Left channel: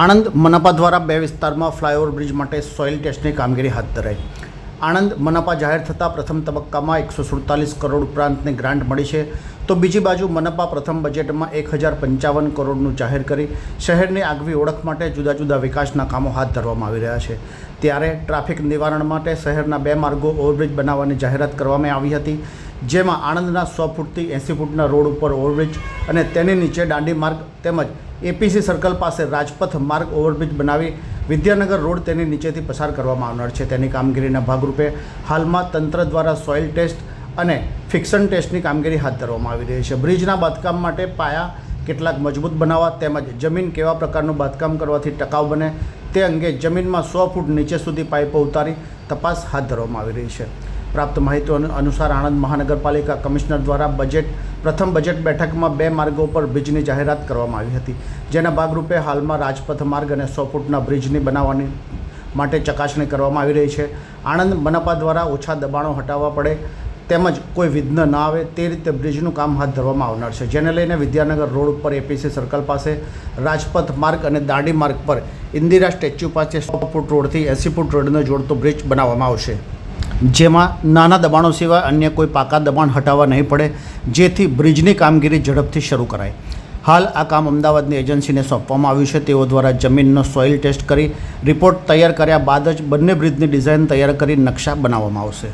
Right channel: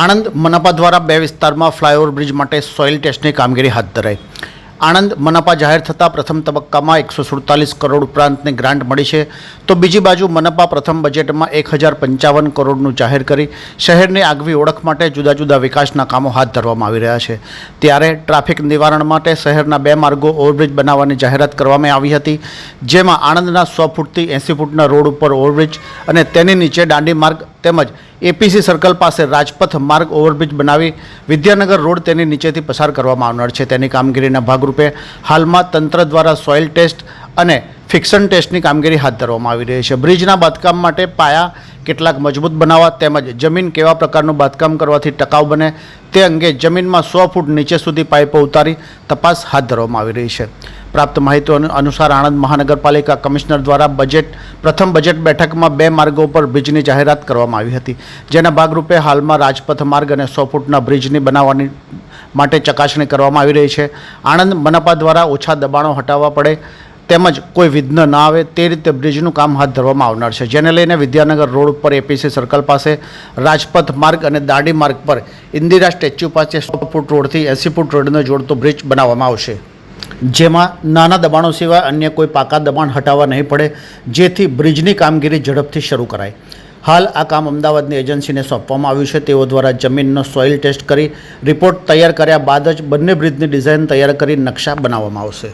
આણંદ મનપા દ્વારા 2 વિસ્તારમાં flyover bridge માટે સોઇલ ટેસ્ટની કામગીરી હાથ ધરાઈ। આણંદ મનપા જાહેર થતાં પ્રથમ તબક્કામાં 147 કરોડ ઉપરાંતની ગ્રાન્ટ મળી છે, તો બીજી બાજુ મનપા પ્રથમ બજેટમાં 1055 કરોડનું જાહેર કરી શહેરની આગવી ઓળખ માટે જુદા જુદા વિકાસના કામો હાથ ધરવામાં આવી રહ્યા છે। ત્યારે ટ્રાફિક નિવારણ માટે શહેરના 2 માર્ગો ઓવરબ્રિજ બનાવવાની જાહેરાત કરવામાં આવી હતી, જેમાં આણંદના 100 ફૂટથી 80 ફૂટના રોડ ઉપર ઓવરબ્રિજ અને તેની નીચે દાંડી માર્ગ તેમજ એપીસી સર્કલ પાસે રાજપથ માર્ગ ઓવરબ્રિજ બનાવી વિદ્યાનગર રોડ તેની નીચેથી પસાર કરવામાં આવનાર છે। તેની કામગીરીના ભાગરૂપે હાલમાં તંત્ર દ્વારા સોઇલ ટેસ્ટ અને ફિક્શન ટેસ્ટની કામગીરી હાથ ધરવામાં આવી રહી છે। બ્રિજના બાંધકામ માટે પાયા કેટલાક મજબૂત બનાવવા તેમજ જમીન કેવા પ્રકારનું બાંધકામ કરવાથી ટકાઉ બને તે અંગે જમીનમાં 100 ફૂટ નીચે સુધી પાઇપો ઉતારી તપાસ હાથ ધરવામાં આવી રહી છે। પ્રાપ્ત માહિતી અનુસાર આણંદ મહાનગરપાલિકા કમિશનર દ્વારા પ્રથમ બજેટ બેઠકમાં 2 માર્ગો પર બ્રિજની જાહેરાત કરવામાં આવી હતી, જેના ભાગરૂપે હાલમાં રાજપથ માર્ગ અને 100 ફૂટના બ્રિજની બનાવવાની માટે ચકાસણી કરવામાં આવી રહી છે। આણંદ મનપા દ્વારા ઓછા દબાણો હટાવવા પડે તેમજ કોઈ વિઘ્ન ન આવે તે રીતે બ્રિજનું કામ હાથ ધરવામાં આવનાર છે, જેને લઈને વિદ્યાનગર રોડ ઉપર એપીસી સર્કલ પાસે રાજપથ માર્ગ અને દાંડી માર્ગ પર ઇન્દિરા સ્ટેચ્યુ પાસે 100 ફૂટ રોડથી 80 ફૂટ રોડને જોડતો બ્રિજ બનાવવામાં આવશે, જેમાં નાના દબાણો સિવાય અન્ય કોઈ પાકા દબાણ હટાવવા નહીં પડે, જેથી બ્રિજની કામગીરી ઝડપથી શરૂ કરાય। હાલ આ કામ અમદાવાદની એજન્સીને સોંપવામાં આવ્યું છે। તેઓ દ્વારા જમીનનો સોઇલ ટેસ્ટ કરી રિપોર્ટ તૈયાર કર્યા બાદ જ બંને બ્રિજની ડિઝાઇન તૈયાર કરી નકશા બનાવવામાં આવશે।